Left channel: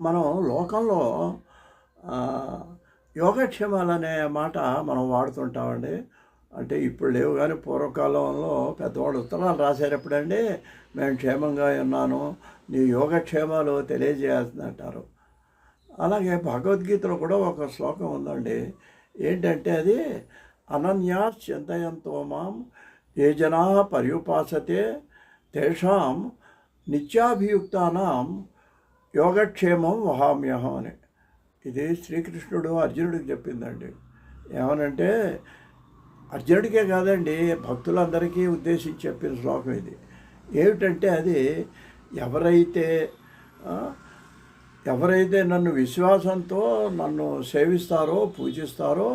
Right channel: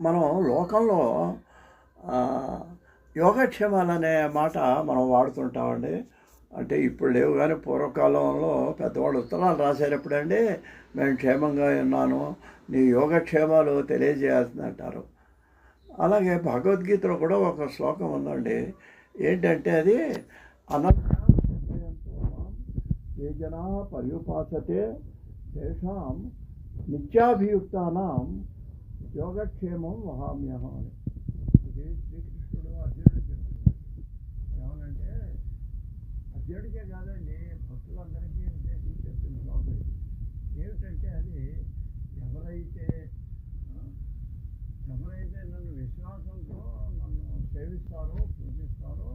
మనం లోకంలో యోగక్షేమాలనే యోగక్షేమాలు అనే మాట మనం వాడుతుంటామండి. అంటే ఇప్పుడు లేవు కానీ పూర్వకాలంలో పెద్దవాళ్ళు ఉత్తరాలు రాసేటప్పుడండి మేము క్షేమంగా ఉన్నాను నీ యోగక్షేమాలు తెలియజేయాల్సింది అంటారు అలాగే భగవద్గీతలో కూడా ఒక శ్లోకం ఉందండి. ఏంటంటే అది అనన్యా చింతయంతో మాం ఏ జనా పర్యుపాసతే తేషాం నిత్యాభియుక్తానాం యోగక్షేమం వహామ్యహం అని. ఇది శ్రీకృష్ణుడు అర్జునుడికి చెప్పిందండి. ఏమనంటే అర్జునుడికే కాదండి భక్తులందరికీ ఉద్దేశించి చెప్పిన శ్లోకం ఇది. ఏమిటంటే అది ఎవరైతే ఎవరైతే నన్ను విశ్వాసంతో నన్ను సేవిస్తారో పూజిస్తారో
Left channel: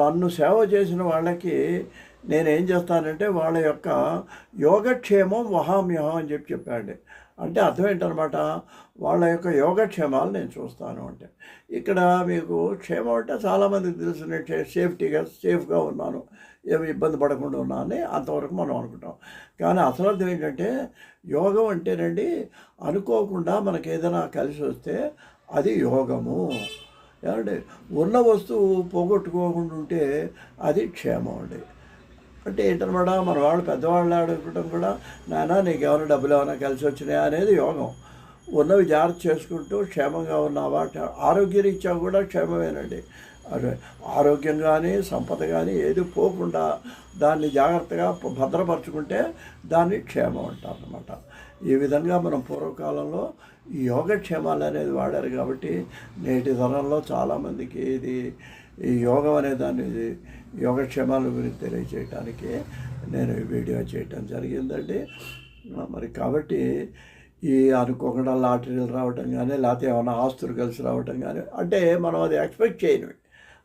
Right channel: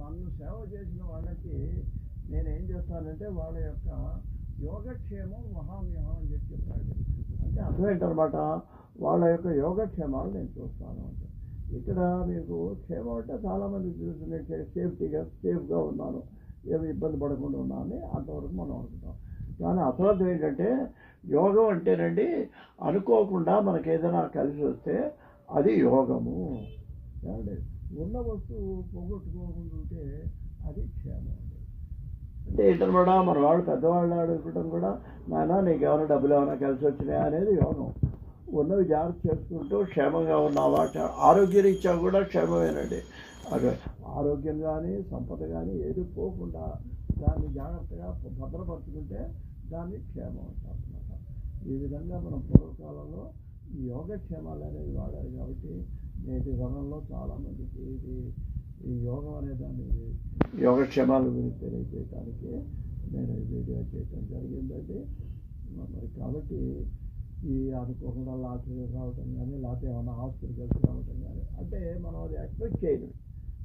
నన్ను సేవ చేసిన వాళ్ళకి నేనేం చేస్తానంటే వాళ్ళ యొక్క యోగక్షేమం వహామ్యహం అని చెప్పి చెప్పాడు అంటే అర్థం ఏంటనమాట? వాళ్ళ యొక్క యోగక్షేమాలు నేను చూస్తాను అంటే. ఇక్కడ మీకు క్షేమం అంటే చాలామందికి తెలుసు నేను సేఫ్టీగా సేఫ్గా ఉన్నాను. ఏమి ఇబ్బంది పడకుండా ఉన్నానని అంతవరకు మనం అనుకుంటాం. కానీ అసలు అర్థం ఏంటంటే యోగం అంటేనండి అనుకోకుండా మనకి ఏదైనా కలిసి వస్తే అది యోగము. ఏమండి? ఉన్న వస్తువు పోగొట్టుకోకుండా ఉంటే అది క్షేమం అండి. అంటే ఏంటనమాట మన వాళ్ళు పెద్దవాళ్ళు అడగటం కూడా నాన్న నీకు ఏమైనా డబ్బులు ఏమైనా కలిసి వచ్చినాయా? అనేది యోగం. ఉన్నవి జాగ్రత్త చేసుకుంటూ క్షేమంగా ఉన్నావా ఆరోగ్య ఆరోగ్యరీత్యా కూడా క్షేమమేనండి. అదే ఆరోగ్యం కానీ సంపద కానీ ఏది పోకుండా దాన్ని జాగ్రత్తగా భద్రపరచుకుంటే దాన్ని క్షేమం అంటారు అనమాట ఈ విధంగా మనం పూర్వకాలంలో ఈ యోగక్షేమాలు అనేది వాడారు కాబట్టి నేటి తరంలో చాలామందికి ఇది ఈ యోగం అనే దాన్ని ఇది యోగక్షేమాల గురించి తెలియచేయటానికి నేను ఈ వీడియో చేయటం జరిగిందండి. మరి కాబట్టి ఈ అనుకోకుండా లాటరీలు రావటం కానీ లేకపోతే ఏమైనా ఆస్తులు కలిసి రావటం కానీ అంటే మనం అది ఎక్స్పెక్ట్ చేయనివి.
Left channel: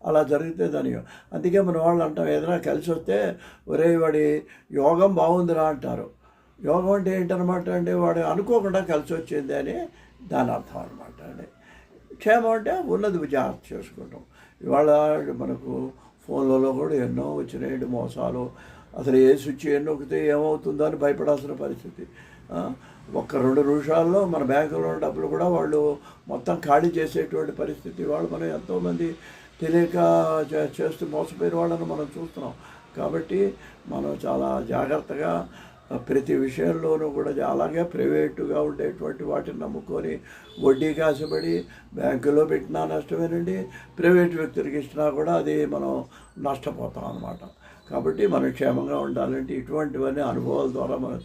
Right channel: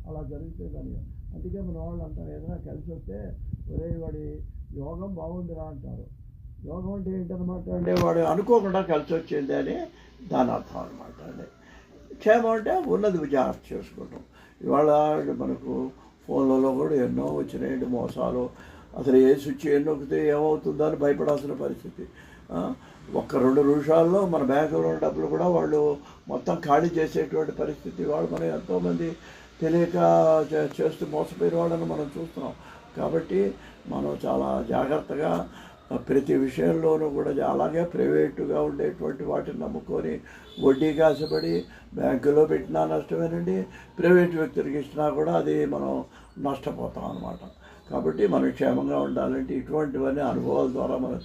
అలా జరిగితే దాని అందుకే మన వాళ్ళు అంటాం ఏదైనా కలిసి వస్తే ఒరే వాడి యోగం బాగుందిరా అంటారు. యోగం అంటే ఏంటనమాట అంటే వాడు అనుకోకుండా కలిసి వచ్చింది అని దాని అర్థం అనమాట అండి. క్షేమం అంటే ఉన్నది జాగ్రత్త చేసుకుంటాం. ఇవాళ మనకు ఫోన్లలో కూడా ఎన్నో వచ్చినాయి మోసాలు. అసలు ఏ స్విచ్ ఏ నొక్కితే ఏమవుతుందో అని భయపడాల్సిన పరిస్థితి. ఒక్క రెండు నిమిషాల్లో మన బ్యాంకులో ఉన్న డబ్బులు కూడా వాళ్ళు మొత్తం ఖాళీ చేసేటువంటి పరిస్థితి. వాళ్ళు మనం ఎంతోమంది తెలియక చే- చేస్తూ మోసపోయిన వాళ్ళని మనం చూస్తున్నాం. కాబట్టి మనం చాలా జాగ్రత్తగా ప్రతి విషయంలోనూ కూడా అలాగే ప్రైవేటుగా ఉండేటువంటి వాటిని నమ్ముకొని వడ్డీ కాసబడి బ్యాంకులో పెట్టినా నష్టమేనండి ప్రైవేట్ వ్యక్తులకి ఇచ్చినా కూడా అది మనం నష్టపోతాం అన్నమాట. కాబట్టి మనం క్షేమంగా ఉండాలంటే ఇటువంటివన్నీ అనుభవాల ద్వారా మనం